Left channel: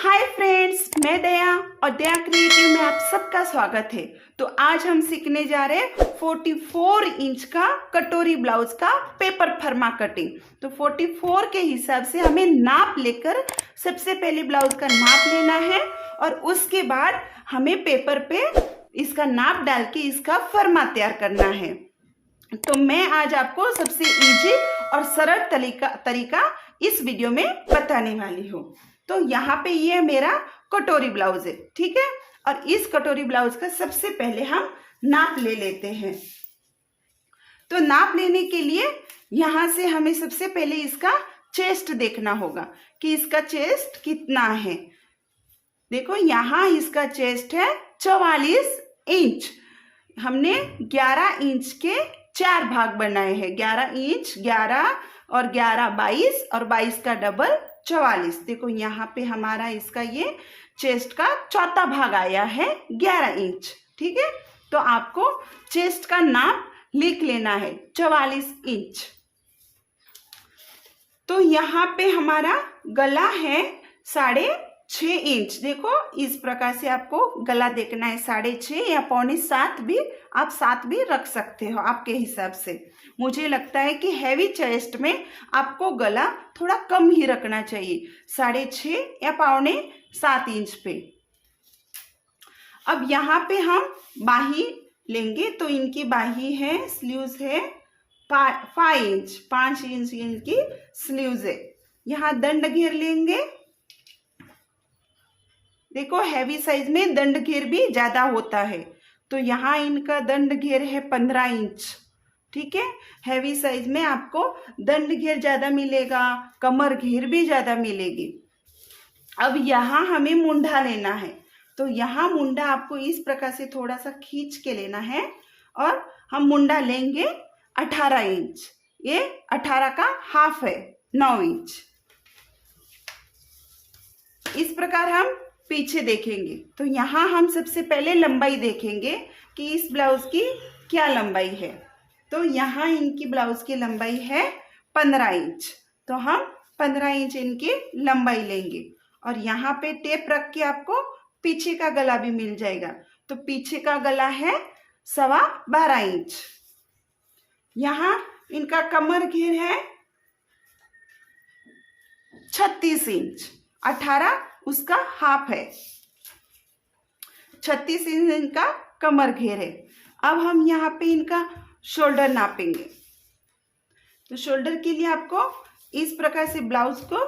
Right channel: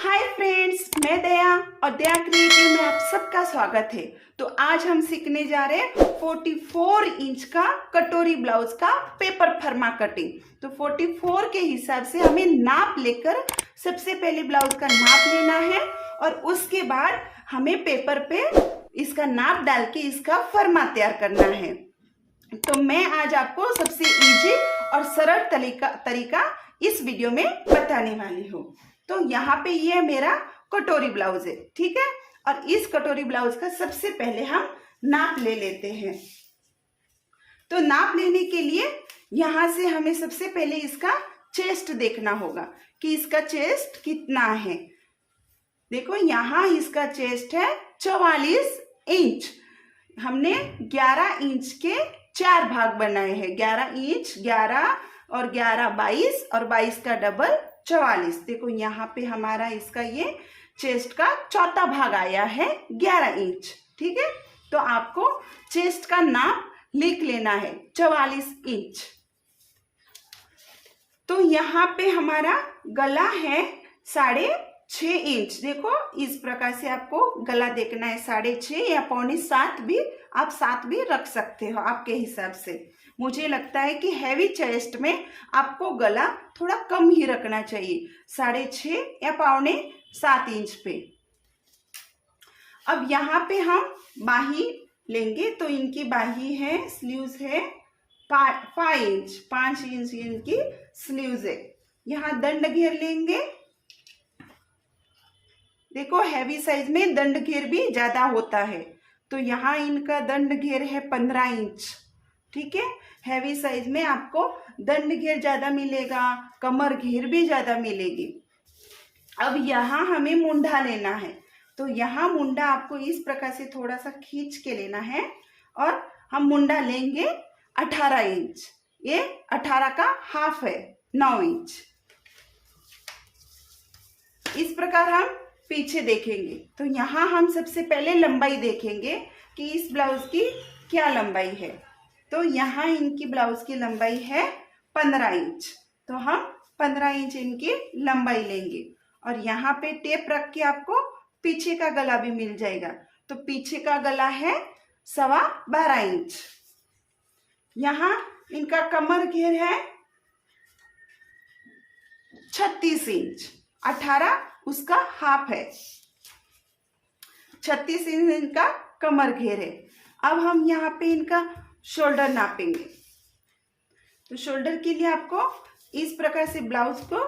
Hi friends, मैं दया और दया creative में आप सबका स्वागत है। तो आज हम सीखने जा रहे हैं 44 इंच का कटोरी ब्लाउज का पेपर फर्मा कटिंग। तो 44 के हिसाब से हमें नाप लेकर सबसे पहले ब्लाउज का नाप लेना है और उसके बाद हमें पेपर पे इसका नाप डाल के इसका फर्मा तैयार करना है। तो मैं आज आपको सबसे इजी और सरल तरीका इस वीडियो में बताने वाली हूँ। तो यहाँ पे ये मेरा कटोरी ब्लाउज है, ठीक है। और इस कटोरी ब्लाउज का सबसे पहले हम नाप ले लेते हैं। तो नाप लेने के लिए यहाँ से हमें सबसे पहले इसका चेस्ट देखना होगा कि इसका चेस्ट कितना है। देखो यहाँ इसका चेस्ट है 44 इंच। हमने 11 इंच के 4 भाग बनाए हैं। 11 इंच, 11 और 11 22 और 22 का डबल 44। देखो यहाँ पे हमारा इसका ये चेस्ट का चौथा भाग आया है 11 इंच, ठीक है। तो आपको चेस्ट का नाप लिख लेना है 44 इंच। तो यहाँ पे हमारा गला है 6.5 इंच। देखो इस प्रकार से आपको गला देखना है 6.5 या 6.25 भी, आप 7 भी रख सकते हो आपके हिसाब से। मुझे लगता है कि हैवी चेस्ट में आपको गला थोड़ा कम ही रखना चाहिए, 6.5 या 6.25 इंच पे। अब यहाँ पे हम बाही लेंगे। तो इनकी बाही है, स्लीव्स है 5 इंच, 5 इंच इनकी स्लीव्स है। यहाँ दंड घेर लेंगे। देखो हैवी साइज में दंड घेर भी ज्यादा होता है, तो यहाँ इनका दंड घेर है 15 इंच, ठीक है। हैवी साइज में आपको दंड घेर ज्यादा मिलेगा, कमर घेर भी ज्यादा मिलेगी। अब यहाँ हमें मुंडा लेना है। तो यहाँ मुंडा आपको इस प्रकार से थोड़ा सा खींच के लेना है और हम मुंडा लेंगे 18 इंच। ये 18 का हाफ है, 9 इंच। इस प्रकार हम पीछे देखेंगे। तो यहाँ हम सबसे पहले लंबाई देखेंगे कि इस ब्लाउज की क्या लंबाई है। तो यहाँ इनकी ब्लाउज की लंबाई है 15 इंच। तो हम 15 इंच इनकी लंबाई लेंगे और यहाँ पे टेप रख के आपको पीछे का गला भी मिल जाएगा। तो पीछे का गला है 12.25 इंच। यहाँ इनका कमर घेर है 36 इंच, 18 उसका हाफ है, 36 इंच इनका कमर घेर है। अब हम यहाँ पे इनका शोल्डर नापेंगे। तो शोल्डर के लिए आपको इस प्रकार से ब्लाउज को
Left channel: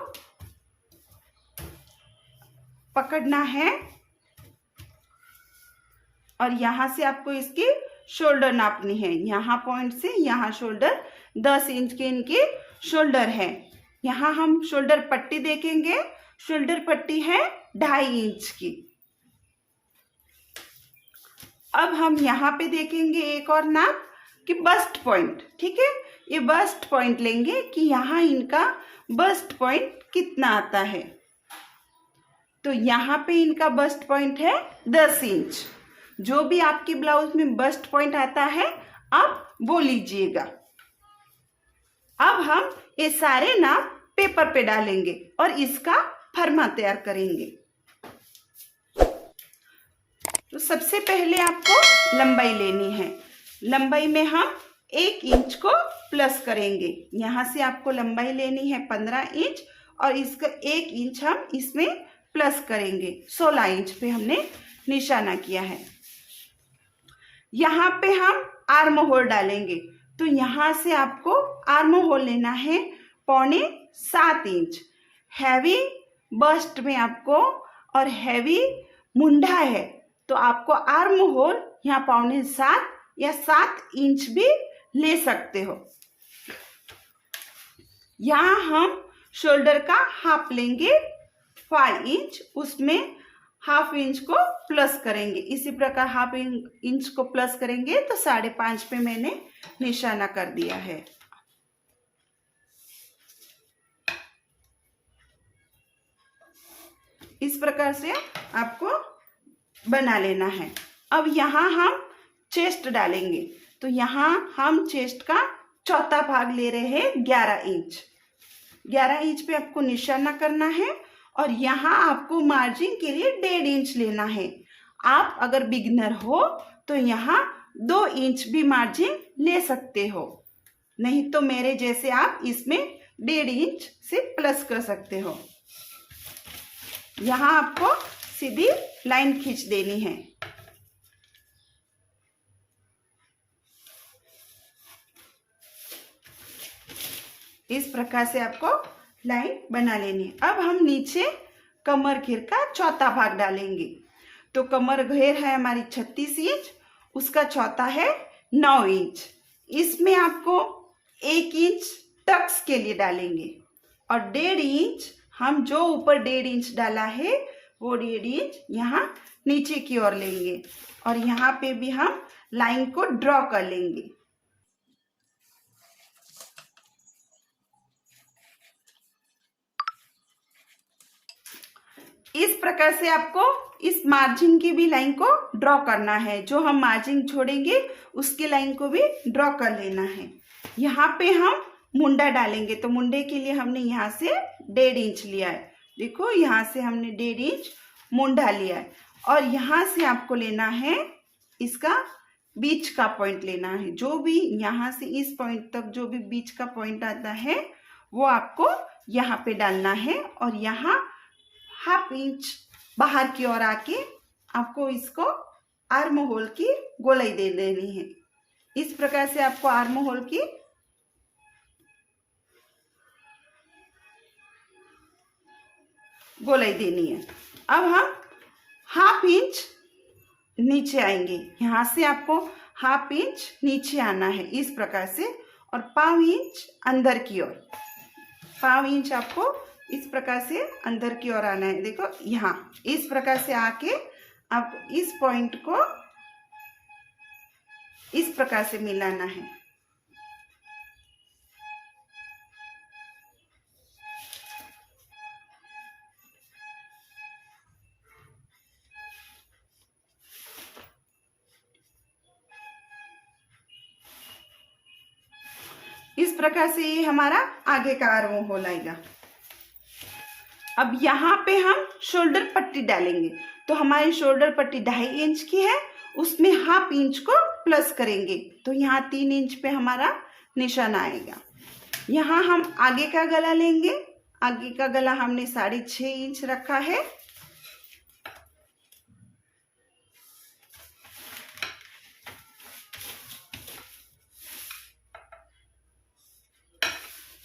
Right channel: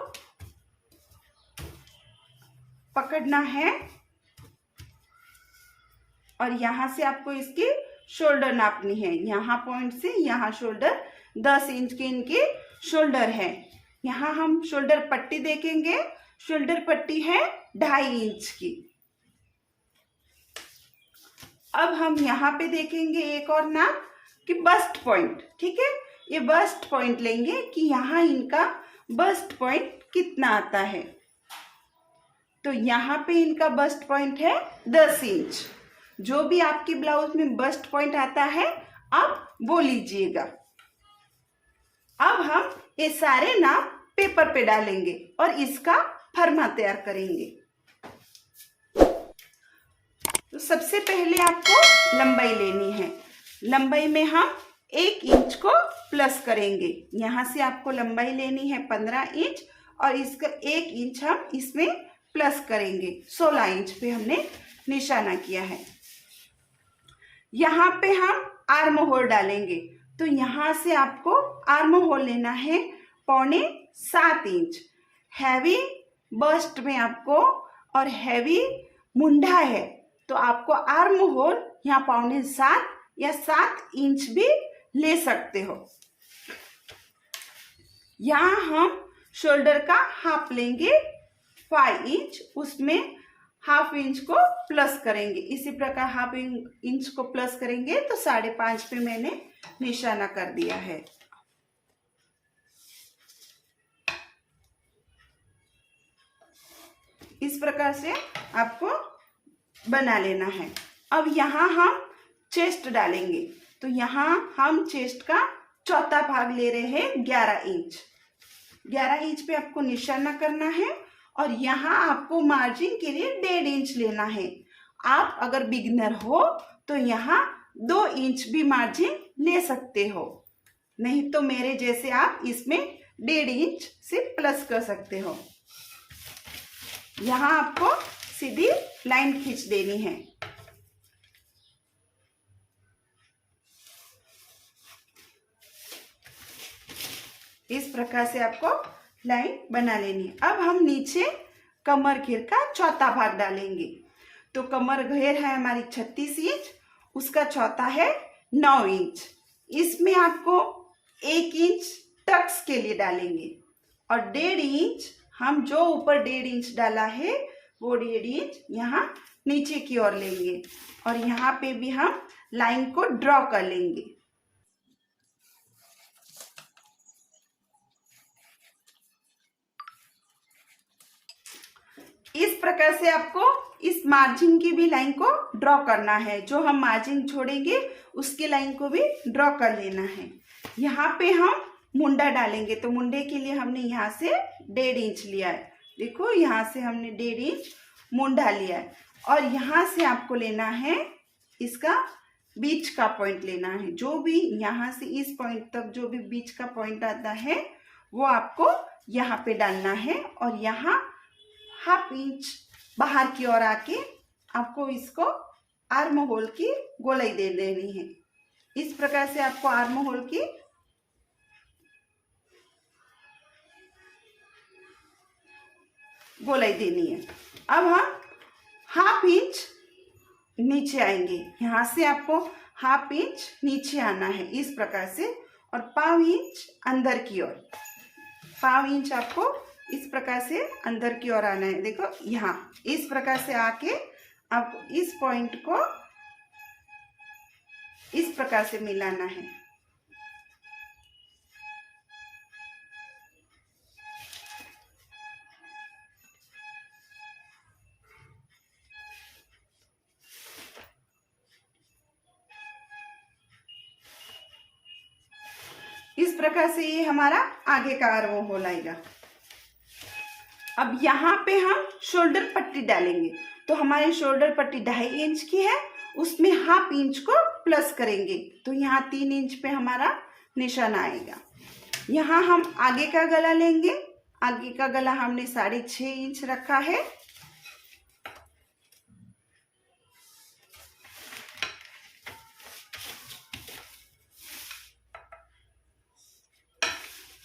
पकड़ना है और यहाँ से आपको इसकी शोल्डर नापनी है। यहाँ पॉइंट से यहाँ शोल्डर 10 इंच की इनकी शोल्डर है। यहाँ हम शोल्डर पट्टी देखेंगे। शोल्डर पट्टी है 2.5 इंच की। अब हम यहाँ पे देखेंगे एक और नाप कि बस्ट पॉइंट, ठीक है। ये बस्ट पॉइंट लेंगे कि यहाँ इनका बस्ट पॉइंट कितना आता है। तो यहाँ पे इनका बस्ट पॉइंट है 10 इंच। जो भी आपकी ब्लाउज में बस्ट पॉइंट आता है आप वो लीजिएगा। अब हम ये सारे नाप पेपर पे डालेंगे और इसका फर्मा तैयार करेंगे। तो सबसे पहले आपको लंबाई लेनी है। लंबाई में हम 1 इंच को प्लस करेंगे। यहाँ से आपको लंबाई लेनी है 15 इंच और इसका 1 इंच हम इसमें प्लस करेंगे। 16 इंच पे हमने निशाना किया है। यहाँ पे हम आर्म होल डालेंगे। तो यहाँ से आपको आर्म होल लेना है 6.25 इंच। हैवी बस्ट में आपको और हैवी मुंडा है तो आपको आर्म होल यहाँ 6.25 या 7 इंच भी ले सकते हो। यहाँ हम शोल्डर का हाफ लेंगे 5 इंच, उसमें हाफ इंच को प्लस करेंगे। इसी प्रकार हाफ इंच को प्लस करेंगे तो 5.5 पे मैंने निशाना कर दिया है। इस प्रकार से आपको बना लेना है। अब यहाँ हम चेस्ट डालेंगे। तो यहाँ हम चेस्ट का चौथा भाग ले रहे हैं 11 इंच। 11 इंच पे आपको निशाना करना है और यहाँ आपको मार्जिन के लिए 1.5 इंच लेना है। आप अगर बिगनर हो तो यहाँ 2 इंच भी मार्जिन ले सकते हो, नहीं तो मेरे जैसे आप इसमें 1.5 इंच से प्लस कर सकते हो। यहाँ आपको सीधी लाइन खींच देनी है। इस प्रकार से आपको लाइन बना लेनी है। अब हम नीचे कमर घेर का चौथा भाग डालेंगे। तो कमर घेर है हमारी 36 इंच, उसका चौथा है 9 इंच। इसमें आपको 1 इंच टक्स के लिए डालेंगे और 1.5 इंच हम जो ऊपर 1.5 इंच डाला है वो 1.5 इंच यहाँ नीचे की ओर लेंगे और यहाँ पे भी हम लाइन को ड्रॉ कर लेंगे। इस प्रकार से आपको इस मार्जिन की भी लाइन को ड्रॉ करना है। जो हम मार्जिन छोड़ेंगे उसकी लाइन को भी ड्रॉ कर लेना है। यहाँ पे हम मुंडा डालेंगे, तो मुंडे के लिए हमने यहाँ से 1.5 इंच लिया है। देखो यहाँ से हमने 1.5 इंच मुंडा लिया है और यहाँ से आपको लेना है इसका बीच का पॉइंट लेना है। जो भी यहाँ से इस पॉइंट तक जो भी बीच का पॉइंट आता है वो आपको यहाँ पे डालना है और यहाँ 1/2 इंच बाहर की ओर आके आपको इसको आर्म होल की गोलाई दे देनी है। इस प्रकार से आपको आर्म होल की गोलाई देनी है। अब हम 1/2 इंच नीचे आएंगे, यहाँ से आपको 1/2 इंच नीचे आना है इस प्रकार से और 1/4 इंच अंदर की ओर, 1/4 इंच आपको इस प्रकार से अंदर की ओर आना है। देखो यहाँ इस प्रकार से आके आपको इस पॉइंट को इस प्रकार से मिलाना है। इस प्रकार से ये हमारा आगे का आर्म होल आएगा। अब यहाँ पे हम शोल्डर पट्टी डालेंगे। तो हमारी शोल्डर पट्टी 2.5 इंच की है, उसमें 1/2 इंच को प्लस करेंगे तो यहाँ 3 इंच पे हमारा निशान आएगा। यहाँ हम आगे का गला लेंगे। आगे का गला हमने 6.5 इंच रखा है।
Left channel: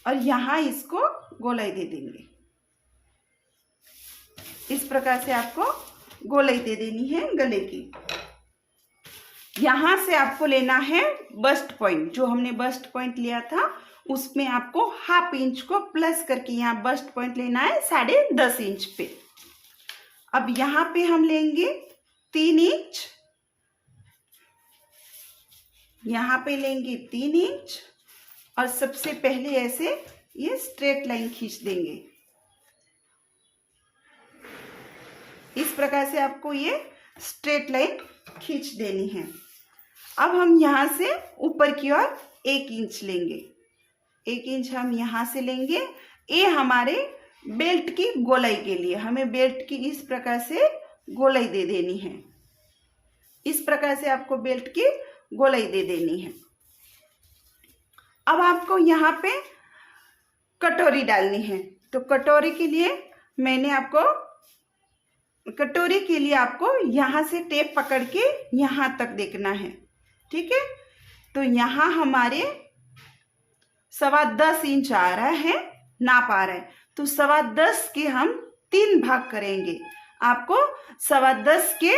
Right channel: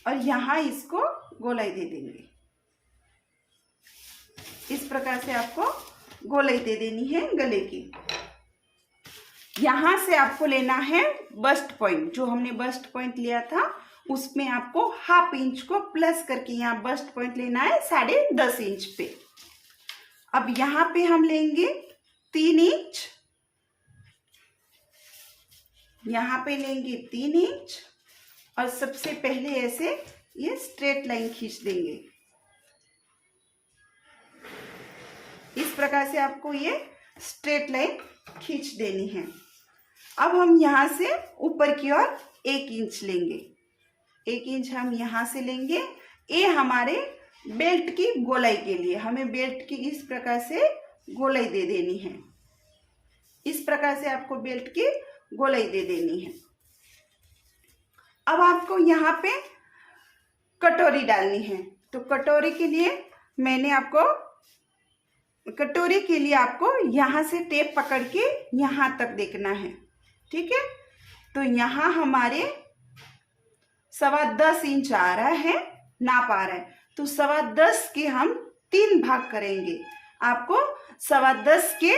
और यहाँ इसको गोलाई दे देंगे। इस प्रकार से आपको गोलाई दे देनी है गले की। यहाँ से आपको लेना है बस्ट पॉइंट। जो हमने बस्ट पॉइंट लिया था उसमें आपको 1/2 इंच को प्लस करके यहाँ बस्ट पॉइंट लेना है 10.5 इंच पे। अब यहाँ पे हम लेंगे 3 इंच, यहाँ पे लेंगे 3 इंच और सबसे पहले ऐसे ये स्ट्रेट लाइन खींच देंगे। इस प्रकार से आपको ये स्ट्रेट लाइन खींच देनी है। अब हम यहाँ से ऊपर की ओर 1 इंच लेंगे। 1 इंच हम यहाँ से लेंगे। ये हमारे बेल्ट की गोलाई के लिए हमें बेल्ट की इस प्रकार से गोलाई दे देनी है। इस प्रकार से आपको बेल्ट की गोलाई दे देनी है। अब आपको यहाँ पे कटोरी डालनी है। तो कटोरी के लिए आपको यहाँ से टेप पकड़ के यहाँ तक देखना है, ठीक है। तो यहाँ हमारे 10.25 इंच आ रहा है, नाप आ रहा है। तो 10.25 के हम 3 भाग करेंगे। आपको 10.25 के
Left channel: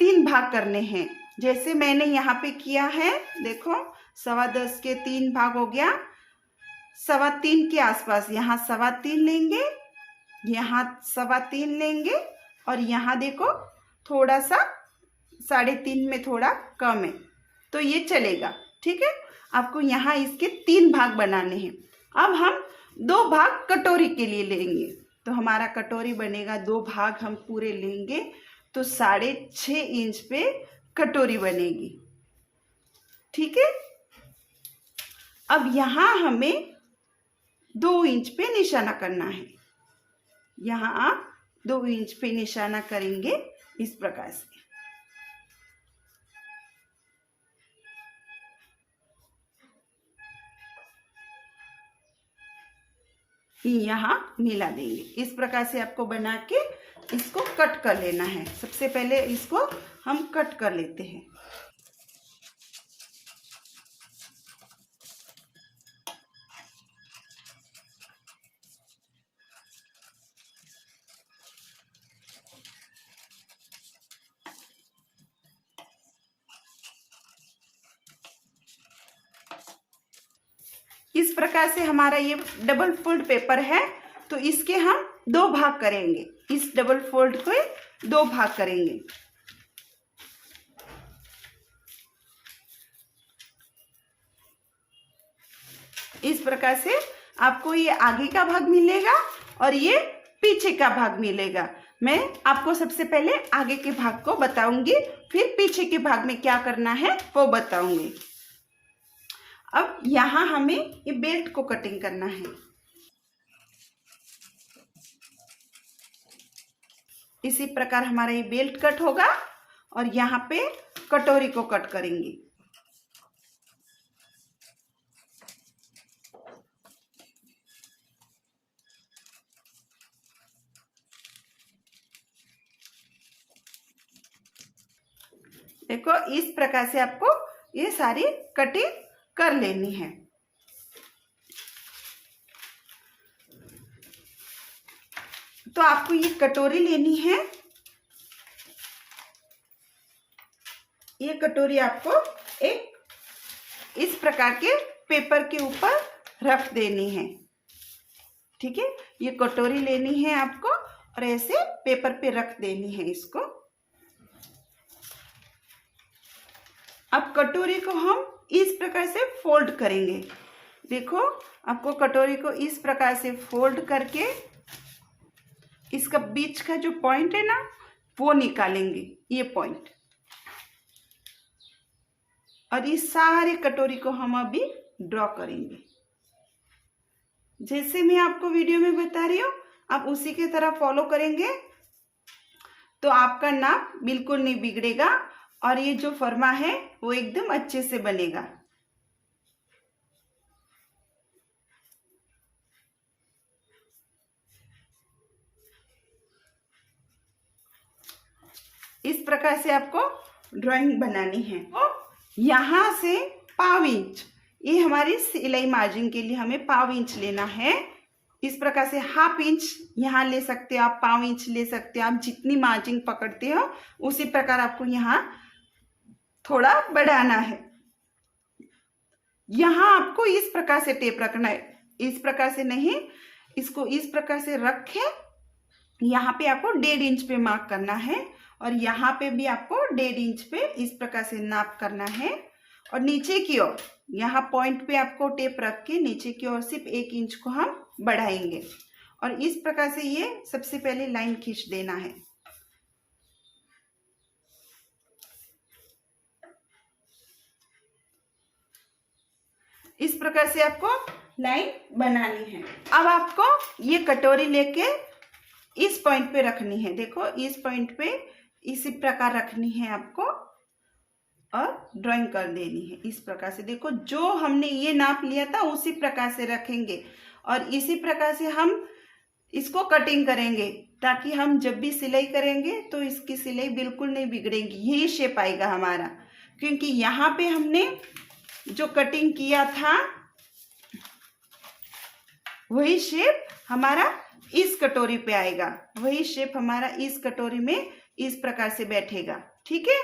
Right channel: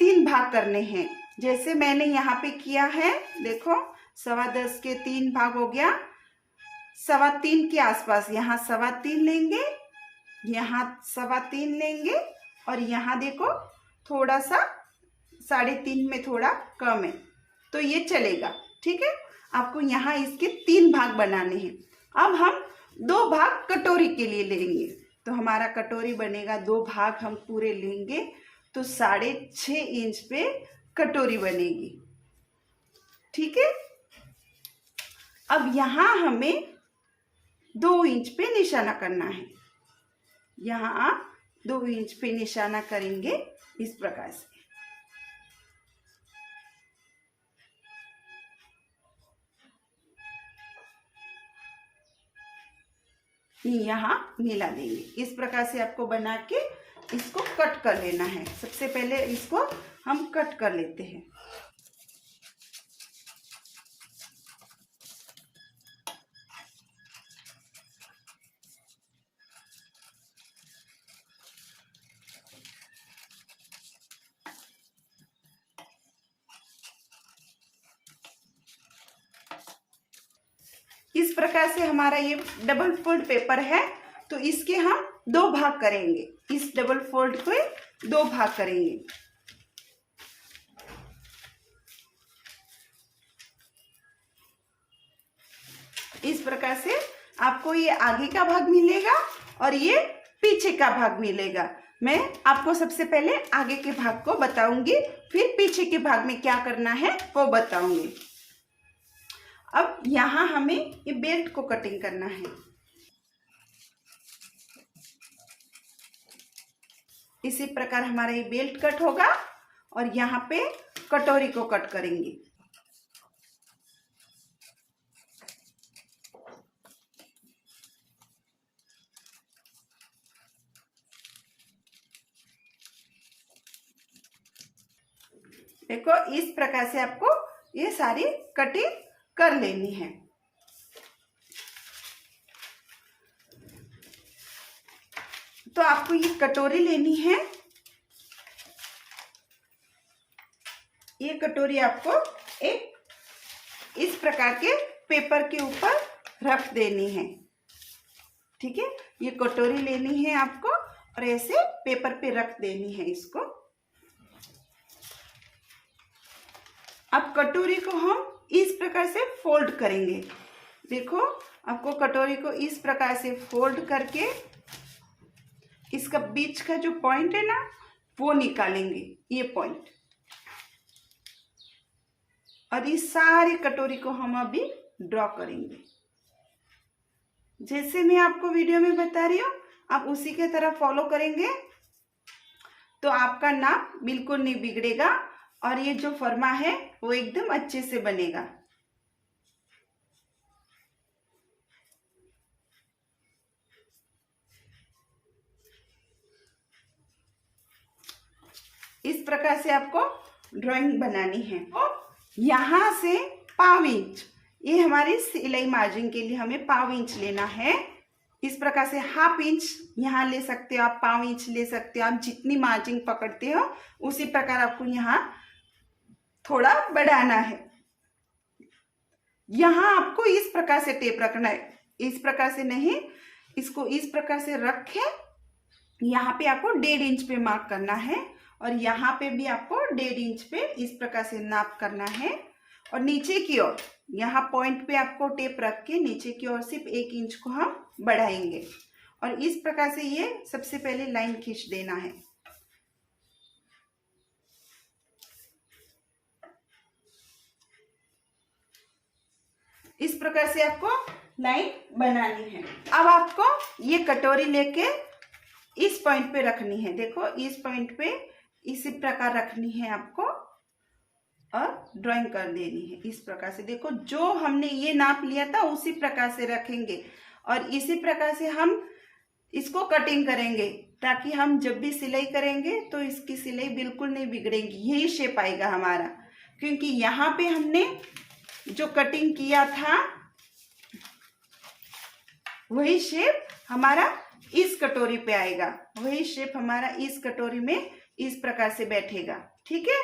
3 भाग करने हैं, जैसे मैंने यहाँ पे किया है। देखो 10.25 के 3 भाग हो गया। 3.25 के आसपास यहाँ 3.25 लेंगे, यहाँ 3.25 लेंगे और यहाँ देखो थोड़ा सा 3.5 में थोड़ा कम है तो ये चलेगा, ठीक है। आपको यहाँ इसके 3 भाग बनाने हैं। अब हम 2 भाग कटोरी के लिए लेंगे। तो हमारा कटोरी बनेगा 2 भाग हम पूरे लेंगे तो 6.5 इंच पे कटोरी बनेगी, ठीक है। अब यहाँ हमें 2 इंच पे निशाना करना है। यहाँ आप 2 इंच पे निशाना करेंगे इस प्रकार से। यहाँ मिला देंगे। इस प्रकार से आपको बना के इसको कट कर लेना है। सबसे पहले इसको हम कट कर लेते हैं। इस प्रकार से हमारा ये डबल फोल्ड पेपर है, तो इसके हम 2 भाग करेंगे। इस डबल फोल्ड को 2 भाग करेंगे। इस प्रकार से आपको ये आगे का भाग मिलेगा और ये पीछे का भाग मिलेगा। मैं आपको सबसे पहले आगे के भाग को बताऊंगी, फिर पीछे के भाग में क्या करना है वो बताऊंगी। अब यहाँ हमें ये बेल्ट को कटिंग करना है। इसी प्रकार हमारा ये बेल्ट कट होगा और यहाँ पे कटोरी को कट करेंगे। देखो इस प्रकार से आपको ये सारी कटिंग कर लेनी है। तो आपको ये कटोरी लेनी है। ये कटोरी आपको एक इस प्रकार के पेपर के ऊपर रख देनी है। ठीक है, ये कटोरी लेनी है आपको और ऐसे पेपर पे रख देनी है इसको। अब कटोरी को हम इस प्रकार से फोल्ड करेंगे। देखो आपको कटोरी को इस प्रकार से फोल्ड करके इसका बीच का जो पॉइंट है ना वो निकालेंगे, ये पॉइंट। और इस सारी कटोरी को हम अभी ड्रॉ करेंगे। जैसे मैं आपको वीडियो में बता रही हूँ आप उसी के तरह फॉलो करेंगे तो आपका नाप बिल्कुल नहीं बिगड़ेगा और ये जो फर्मा है वो एकदम अच्छे से बनेगा। इस प्रकार से आपको ड्राइंग बनानी है। तो यहाँ से 1/2 इंच, ये हमारी सिलाई मार्जिन के लिए हमें 1/2 इंच लेना है। इस प्रकार से 1/2 इंच यहाँ ले सकते हो आप, 1/2 इंच ले सकते हो आप। जितनी मार्जिन पकड़ते हो उसी प्रकार आपको यहाँ थोड़ा बढ़ाना है। यहाँ आपको इस प्रकार से टेप रखना है, इस प्रकार से नहीं, इसको इस प्रकार से रखे। यहाँ पे आपको 1.5 इंच पे मार्क करना है और यहाँ पे भी आपको 1.5 इंच पे इस प्रकार से नाप करना है। और नीचे की ओर यहाँ पॉइंट पे आपको टेप रख के नीचे की ओर सिर्फ 1 इंच को हम बढ़ाएंगे और इस प्रकार से ये सबसे पहले लाइन खींच देना है। इस प्रकार से आपको लाइन बनानी है। अब आपको ये कटोरी लेके इस पॉइंट पे रखनी है। देखो इस पॉइंट पे इसी प्रकार रखनी है आपको और ड्राइंग कर देनी है इस प्रकार से। देखो जो हमने ये नाप लिया था उसी प्रकार से रखेंगे और इसी प्रकार से हम इसको कटिंग करेंगे ताकि हम जब भी सिलाई करेंगे तो इसकी सिलाई बिल्कुल नहीं बिगड़ेगी। यही शेप आएगा हमारा, क्योंकि यहाँ पे हमने जो कटिंग किया था वही शेप हमारा इस कटोरी पे आएगा, वही शेप हमारा इस कटोरी में इस प्रकार से बैठेगा। ठीक है,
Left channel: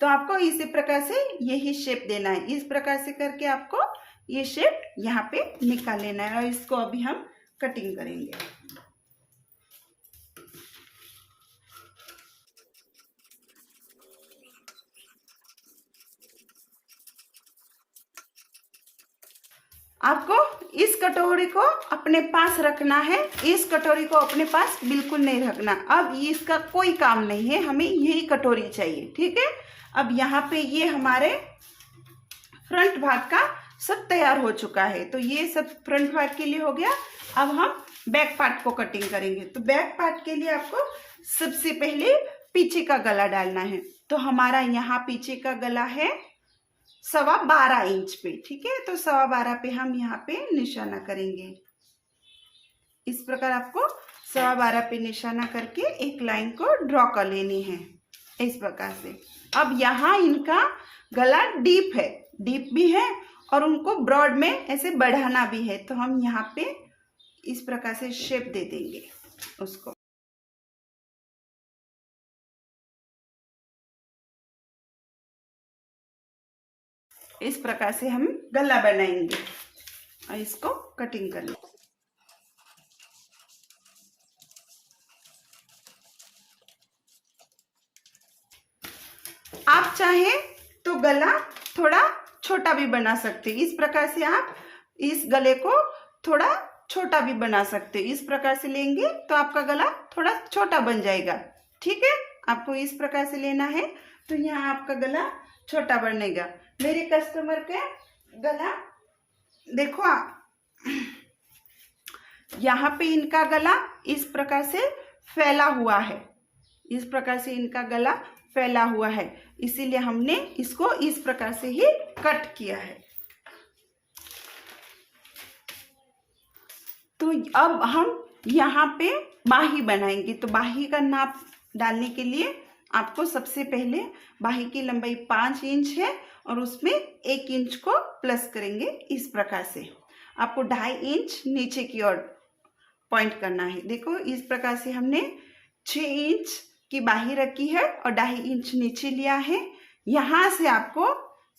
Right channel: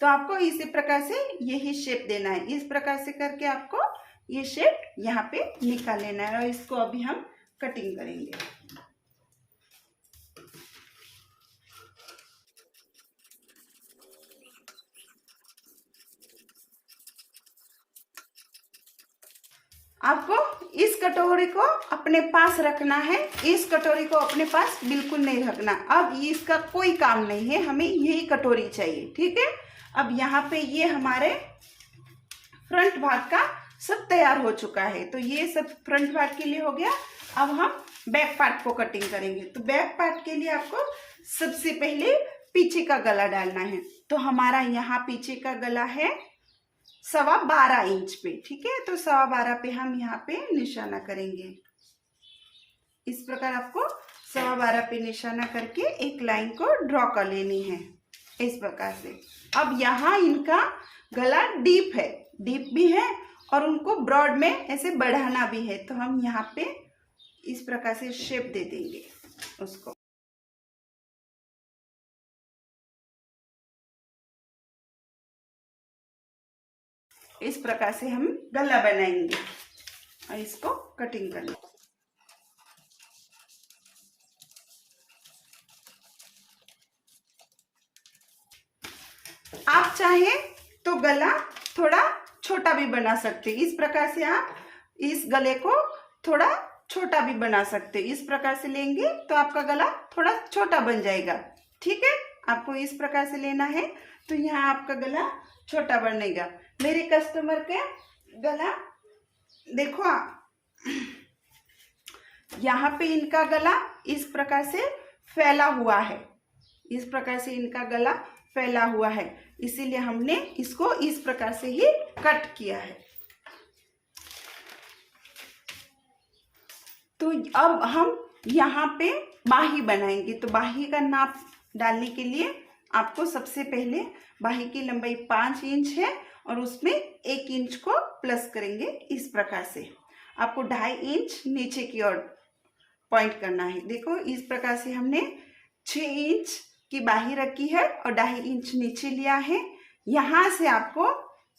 तो आपको इसी प्रकार से यही शेप देना है। इस प्रकार से करके आपको ये शेप यहाँ पे निकाल लेना है और इसको अभी हम कटिंग करेंगे। आपको इस कटोरी को अपने पास रखना है, इस कटोरी को अपने पास बिल्कुल नहीं रखना। अब इसका कोई काम नहीं है, हमें यही कटोरी चाहिए। ठीक है, अब यहाँ पे ये हमारे फ्रंट भाग का सब तैयार हो चुका है, तो ये सब फ्रंट भाग के लिए हो गया। अब हम बैक पार्ट को कटिंग करेंगे। तो बैक पार्ट के लिए आपको सबसे पहले पीछे का गला डालना है। तो हमारा यहाँ पीछे का गला है 12.25 इंच पे, ठीक है। तो 12.25 पे हम यहाँ पे निशाना करेंगे। इस प्रकार आपको 12.25 पे निशाना करके एक लाइन को ड्रॉ कर लेनी है इस प्रकार से। अब यहाँ इनका गला डीप है, डीप भी है और उनको ब्रॉड में ऐसे बढ़ाना भी है। तो हम यहाँ पे इस प्रकार से शेप दे देंगे उसको। इस प्रकार से हम गला बनाएंगे और इसको कटिंग कर लेंगे। आप चाहें तो गला थोड़ा छोटा भी बना सकते हैं। इस प्रकार से आप इस गले को थोड़ा छोटा भी बना सकते हैं। इस प्रकार से लेंगे तो आपका गला थोड़ा छोटा बन जाएगा, ठीक है। आपको इस प्रकार से लेना है तो यहाँ आपका गला छोटा बनेगा। मेरे कस्टमर का गला देखो यहाँ पे इनका गला इस प्रकार से फैला हुआ है, इस प्रकार से इनका गला फैला हुआ है, इसीलिए हमने इसको इस प्रकार से ही कट किया है। तो अब हम यहाँ पे बाही बनाएंगे। तो बाही का नाप डालने के लिए आपको सबसे पहले बाही की लंबाई 5 इंच है और उसमें 1 इंच को प्लस करेंगे। इस प्रकार से आपको 2.5 इंच नीचे की ओर पॉइंट करना है। देखो इस प्रकार से हमने 6 इंच की बाही रखी है और 2.5 इंच नीचे लिया है। यहाँ से आपको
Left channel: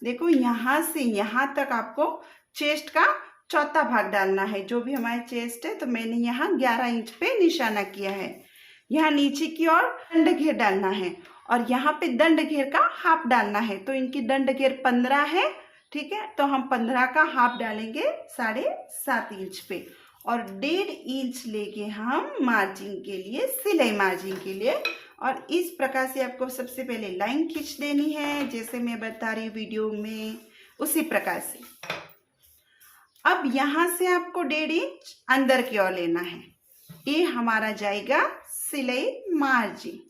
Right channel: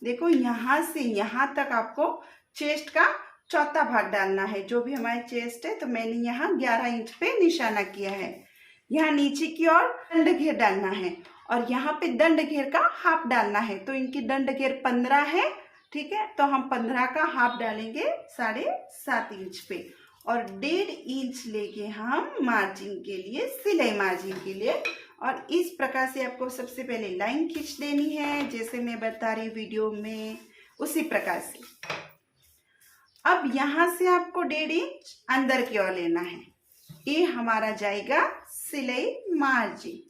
देखो यहाँ से यहाँ तक आपको चेस्ट का चौथा भाग डालना है। जो भी हमारे चेस्ट है तो मैंने यहाँ 11 इंच पे निशाना किया है। यहाँ नीचे की ओर दंड घेर डालना है और यहाँ पे दंड घेर का हाफ डालना है। तो इनकी दंड घेर 15 है, ठीक है। तो हम 15 का हाफ डालेंगे 7.5 इंच पे और 1.5 इंच लेके हम मार्जिन के लिए, सिलाई मार्जिन के लिए। और इस प्रकार से आपको सबसे पहले लाइन खींच देनी है जैसे मैं बता रही वीडियो में, उसी प्रकार से। अब यहाँ से आपको 1.5 इंच अंदर की ओर लेना है। ये हमारा जाएगा सिलाई मार्जिन।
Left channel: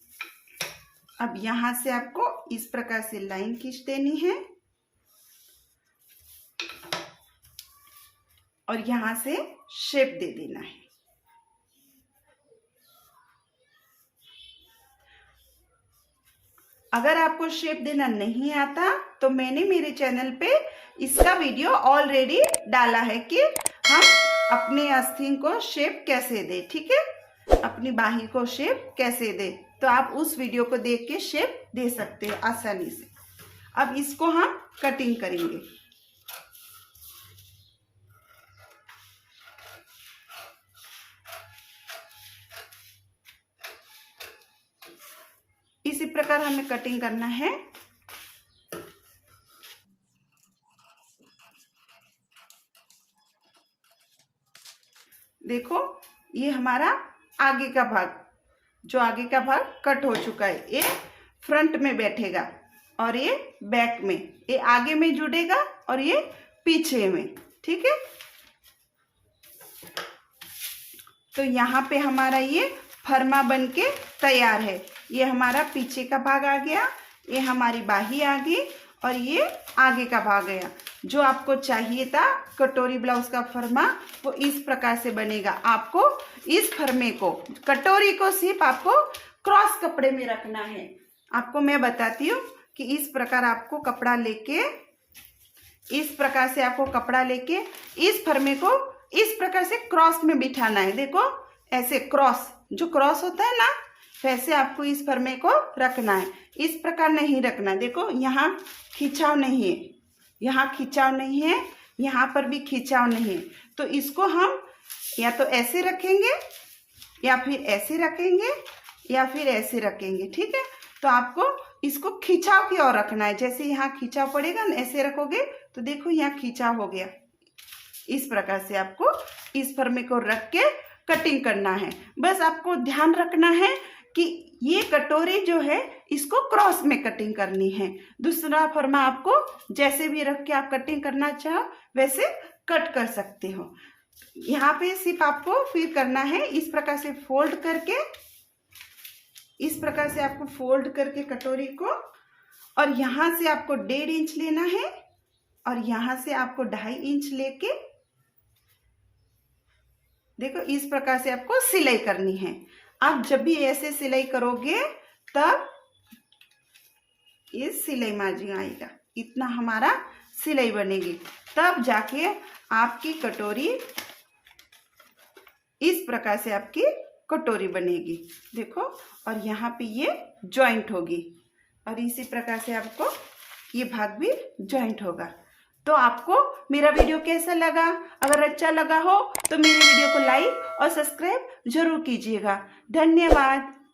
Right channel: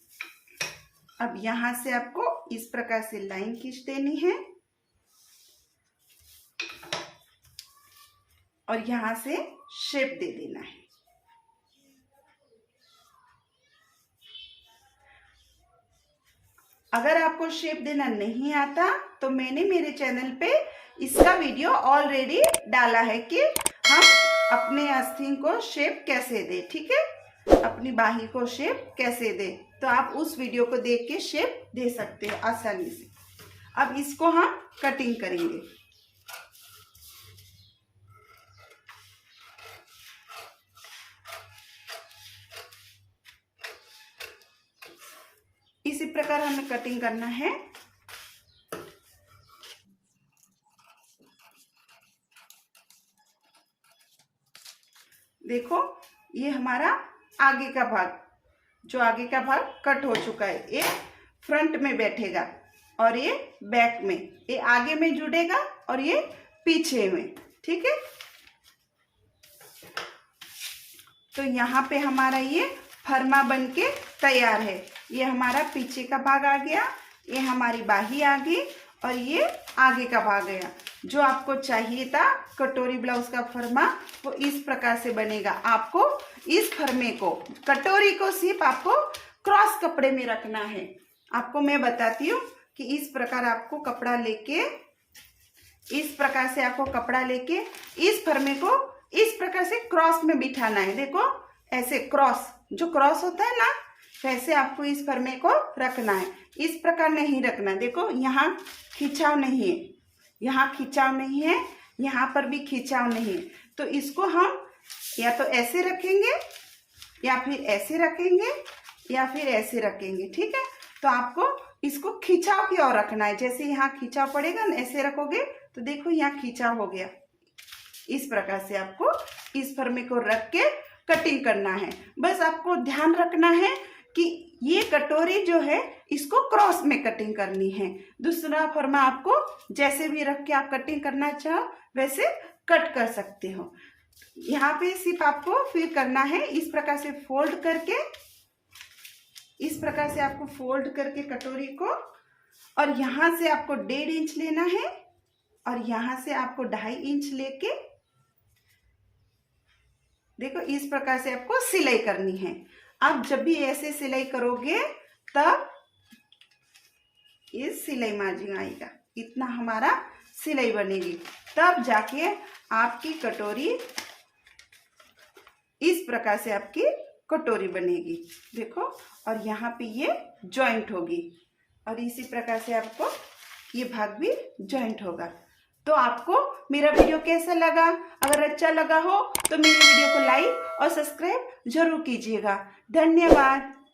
अब यहाँ से आपको इस प्रकार से लाइन खींच देनी है और यहाँ से शेप दे देना है। अगर आपको शेप देना नहीं आता तो मैंने मेरे चैनल पे इसका वीडियो ऑलरेडी डाला है कि हम अपने आस्तीन को शेप कैसे दें, ठीक है। अपनी बाही को शेप कैसे दें, तो आप उस वीडियो को देख के शेप दे सकते हैं आसानी से। अब इसको हम कटिंग करेंगे। इसी प्रकार हमें कटिंग करना है। देखो ये हमारा आगे का भाग, जो आगे का भाग कट हो चुका है, ये फ्रंट में बैठेगा और ये बैक में, ये आगे में जुड़ेगा और ये पीछे में, ठीक है। तो यहाँ पे हमारा ये फरमा बन के तैयार है। ये हमारा पीछे का भाग आ गया, ये हमारी बाही आ गई और ये आगे का भाग गया। जो आपको चाहिए था कटोरी ब्लाउज का फरमा वो इस प्रकार से बनेगा। आपको इस फरमे को, कटोरी को सिर्फ आपको क्रॉस कपड़े में रखना है। आपको मैं बताती हूँ कि इस प्रकार आपको कपड़ा लेके, इस प्रकार से आपको कपड़ा लेके इस फरमे को इस प्रकार से क्रॉस में बिठाना है। देखो ऐसे क्रॉस, जो क्रॉस होता है ना, वैसे आपको इस फरमे को रखना है। इस प्रकार नहीं रखना। देखो यहाँ खिंचाव नहीं है, यहाँ खिंचाव नहीं है, यहाँ पर भी खिंचाव नहीं है। तो इसको हम या तो ऐसे रखेंगे या फिर ऐसे रखेंगे या फिर ऐसे रखेंगे, ठीक है। तो आपको इसको खिंचाव की ओर रखना है। जैसे यहाँ खिंचाव पड़ेगा ना, ऐसे रखोगे तो देखो यहाँ खिंचाव हो गया। इस प्रकार से आपको इस फरमे को रख के कटिंग करना है। बस आपको ध्यान रखना है कि ये कटोरी जो है इसको क्रॉस में कटिंग करनी है। दूसरा फरमा आपको जैसे भी रख के आप कटिंग करना चाहो वैसे कट कर सकते हो। यहाँ पे सिर्फ आपको फिर करना है इस प्रकार से फोल्ड करके, इस प्रकार से आपको फोल्ड करके कटोरी को, और यहाँ से आपको 1.5 इंच लेना है और यहाँ से आपको 2.5 इंच लेके देखो इस प्रकार से आपको सिलाई करनी है। आप जब भी ऐसे सिलाई करोगे तब ये सिलाई मार्जिन आएगा, इतना हमारा सिलाई बनेगी, तब जाके आपकी कटोरी इस प्रकार से आपकी कटोरी बनेगी। देखो, और यहाँ पे ये जॉइंट होगी और इसी प्रकार से आपको ये भाग भी जॉइंट होगा। तो आपको मेरा वीडियो कैसा लगा? अगर अच्छा लगा हो तो मेरे वीडियो को लाइक और सब्सक्राइब जरूर कीजिएगा। धन्यवाद।